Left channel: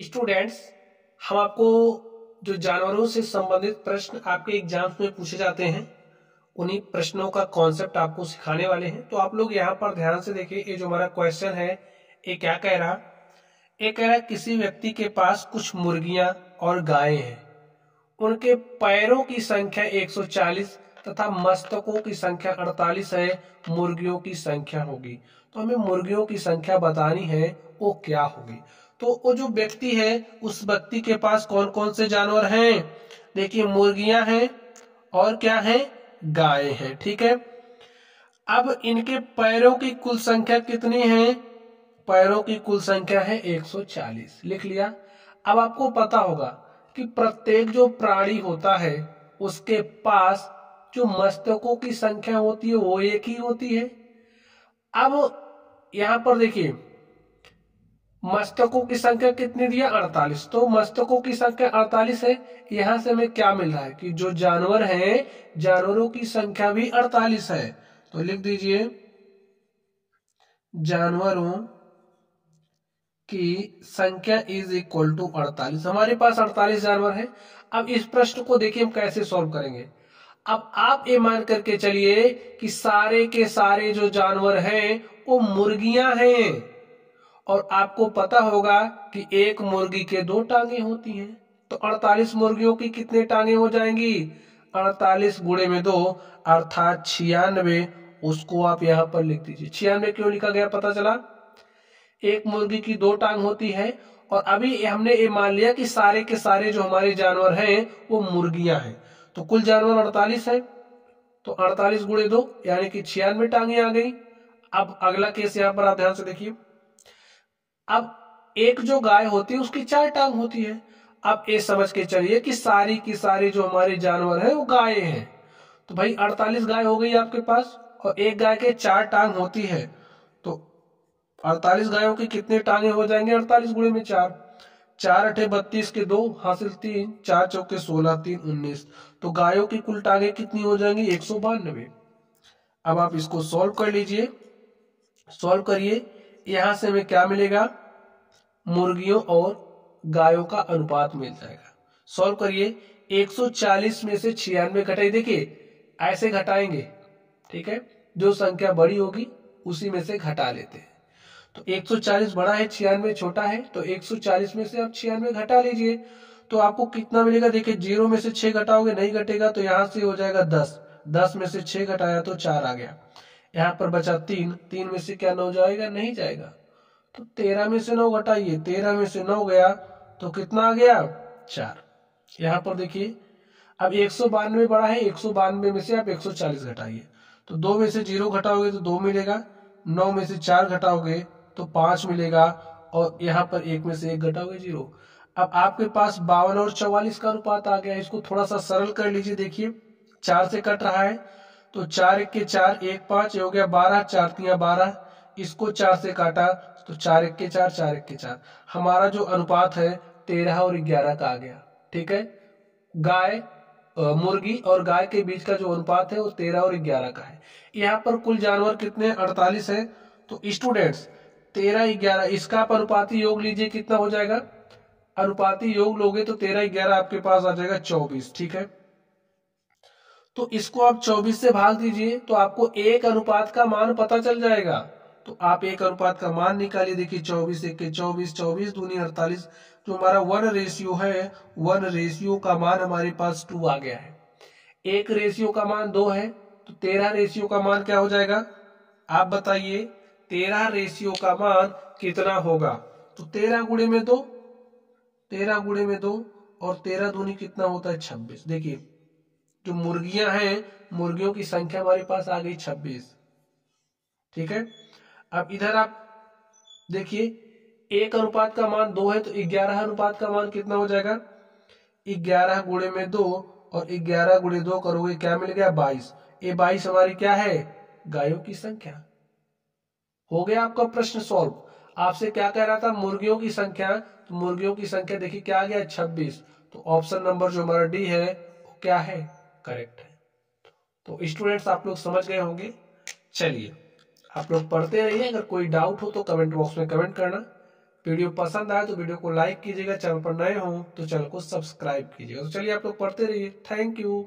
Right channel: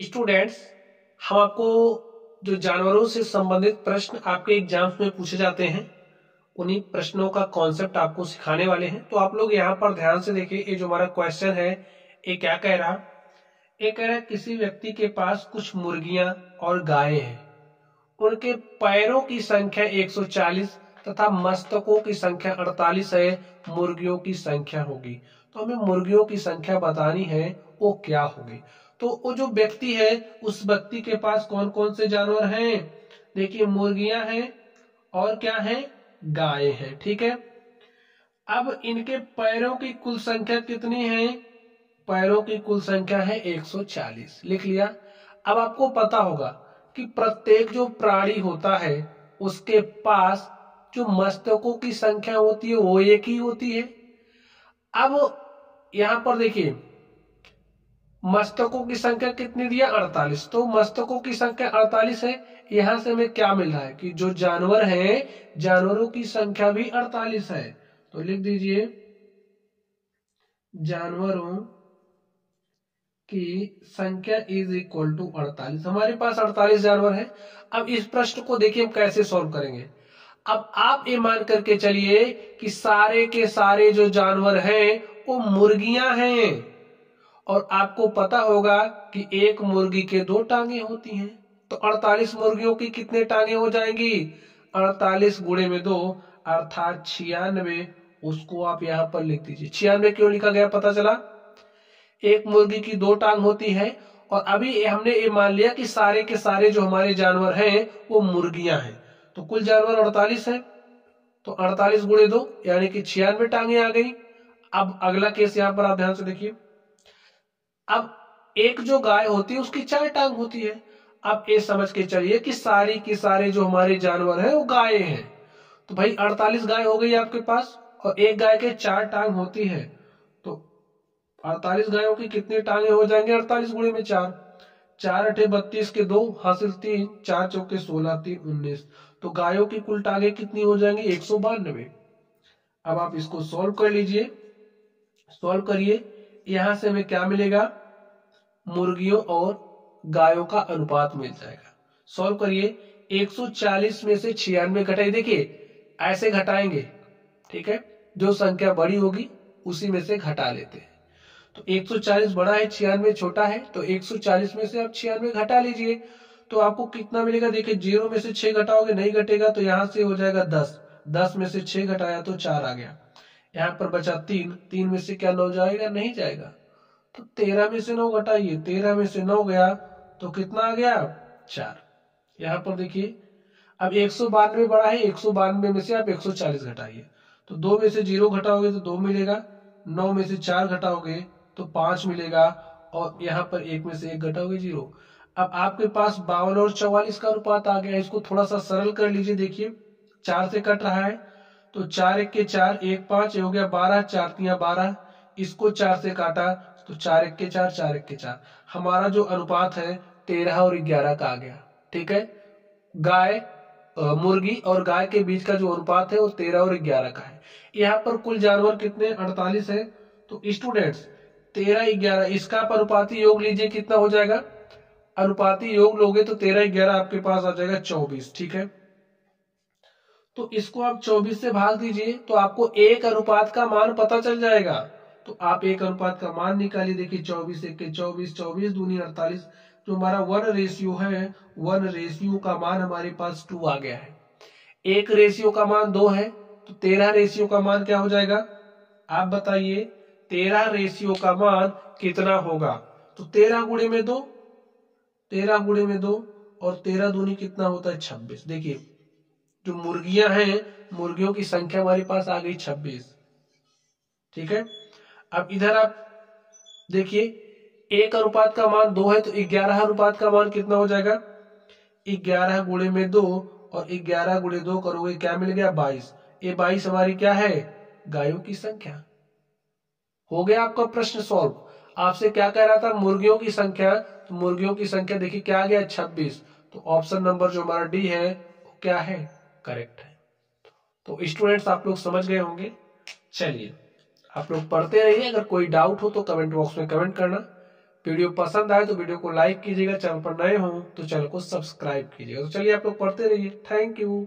Students, हम आपको जो जानवरों से संबंधित प्रश्न आपके एग्जाम्स में पूछे जाते हैं उन्हीं प्रश्नों का कॉन्सेप्ट आपको सिखाने वाले हैं। तो आप लोग यहाँ पर ध्यान से देखिए, ये जो हमारा क्वेश्चन है ये क्या कह रहा। ये कह रहा किसी व्यक्ति के पास कुछ मुर्गियां और गायें हैं। उनके पैरों की संख्या 140 तथा मस्तकों की संख्या 48 है। मुर्गियों की संख्या होगी। तो हमें मुर्गियों की संख्या बतानी है, वो क्या होगी। तो वो जो व्यक्ति है उस व्यक्ति के पास कौन कौन से जानवर हैं। देखिए, मुर्गियां हैं और क्या है, गायें हैं। ठीक है, अब इनके पैरों की कुल संख्या कितनी है। पैरों की कुल संख्या है 140, लिख लिया। अब आपको पता होगा कि प्रत्येक जो प्राणी होता है उसके पास जो मस्तकों की संख्या होती है वो एक ही होती है। अब यहां पर देखिए, मस्तकों की संख्या कितनी दिया, 48। तो मस्तकों की संख्या 48 है। यहां से हमें क्या मिल रहा है कि जो जानवर हैं, जानवरों की संख्या भी 48 है। तो लिख दीजिए, जानवरों की संख्या इज इक्वल टू 48। हमारे पास 48 जानवर हैं। अब इस प्रश्न को देखिए हम कैसे सॉल्व करेंगे। अब आप ये मान करके चलिए कि सारे के सारे जो जानवर हैं वो मुर्गियां हैं, और आपको पता होगा कि एक मुर्गी के 2 टांगे होती हैं। तो 48 मुर्गियों की कितने टांगे हो जाएंगी, 48 गुणे में 2 अर्थात 96। उसको आप यहां पर लिख दीजिए। 96 क्यों लिखा गया, पता चला एक मुर्गी की 2 टांग होती है। और अभी हमने ये मान लिया कि सारे के सारे जो हमारे जानवर हैं वो मुर्गियां हैं। तो कुल जानवर 48 है। तो 48 गुणे 2 यानी कि 96 टांगे आ गई। अब अगला केस यहां पर आप ध्यान से देखिए। अब एक जो गाय होती है उसकी 4 टांग होती है। अब ये समझ के चलिए कि सारी की सारी जो हमारे जानवर है वो गाय हैं। तो भाई 48 गाय हो गई आपके पास, और एक गाय के 4 टांग होती है। तो 48 गायों की कितने टांगे हो जाएंगे, 48 गुणे में 4। 4 अठे 32 के 2 हासिल 3, 4 चौके 16, 3 19। तो गायों की कुल टांगे कितनी हो जाएंगी, 192। अब आप इसको सॉल्व कर लीजिए। सॉल्व करिए, यहां से हमें क्या मिलेगा, मुर्गियों और गायों का अनुपात मिल जाएगा। सॉल्व करिए, 140 में से 96 घटाइए। देखिए ऐसे घटाएंगे, ठीक है, जो संख्या बड़ी होगी उसी में से घटा लेते हैं। तो 140 बड़ा है, 96 छोटा है। तो 140 में से आप 96 घटा लीजिए। तो आपको कितना मिलेगा, देखिए 0 में से 6 घटाओगे नहीं घटेगा, तो यहां से हो जाएगा 10। 10 में से 6 घटाया तो 4 आ गया। यहाँ पर बचा 3। 3 में से क्या 9 जाएगा, नहीं जाएगा। तो 13 में से 9 घटाइए, 13 में से 9 गया तो कितना आ गया, 4। यहाँ पर देखिए, अब 192 बड़ा है, 192 में से आप 140 घटाइए। तो 2 में से 0 घटाओगे तो 2 मिलेगा, 9 में से 4 घटाओगे तो 5 मिलेगा, और यहाँ पर 1 में से 1 घटाओगे 0। अब आपके पास 52 और 44 का अनुपात आ गया। इसको थोड़ा सा सरल कर लीजिए। देखिए 4 से कट रहा है, तो 4 1 के 4, 1 5 हो गया 12, 4 3 12। इसको 4 से काटा तो 4 1 के 4, 4 1 के 4। हमारा जो अनुपात है 13 और 11 का आ गया। ठीक है, गाय मुर्गी और गाय के बीच का जो अनुपात है वो 13 और 11 का है। यहाँ पर कुल जानवर कितने, 48 है। तो स्टूडेंट्स 13 11 इसका आप अनुपाती योग लीजिए, कितना हो जाएगा, अनुपाती योग लोगे तो 13 11 आपके पास आ जाएगा 24। ठीक है, तो इसको आप 24 से भाग दीजिए तो आपको एक अनुपात का मान पता चल जाएगा। तो आप एक अनुपात का मान निकालिए। देखिए 24 1 के 24, 24 दूनी 48। जो हमारा 1 रेशियो है, 1 रेशियो का मान हमारे पास 2 आ गया है। 1 रेशियो का मान 2 है, तो 13 रेशियो का मान क्या हो जाएगा, आप बताइए 13 रेशियो का मान कितना होगा। तो 13 गुणे में 2, 13 गुणे में 2, और 13 दूनी कितना होता है, 26। देखिए जो मुर्गियां हैं, मुर्गियों की संख्या हमारे पास आ गई 26। ठीक है, अब इधर आप देखिए, एक अनुपात का मान 2 है, तो 11 अनुपात का मान कितना हो जाएगा, 11 गुणे में 2, और 11 गुणे 2 करोगे क्या मिल गया, 22। ये 22 हमारी क्या है, गायों की संख्या। हो गया आपका प्रश्न सॉल्व। आपसे क्या कह रहा था, मुर्गियों की संख्या। तो मुर्गियों की संख्या देखिए क्या आ गया, 26। तो ऑप्शन नंबर जो हमारा डी है वो क्या है, करेक्ट है। तो स्टूडेंट्स आप लोग समझ गए होंगे। चलिए आप लोग पढ़ते रहिए, अगर कोई डाउट हो तो कमेंट बॉक्स में कमेंट करना। वीडियो पसंद आए तो वीडियो को लाइक कीजिएगा, चैनल पर नए हो तो चैनल को सब्सक्राइब कीजिएगा। तो चलिए आप लोग पढ़ते रहिए। Thank you.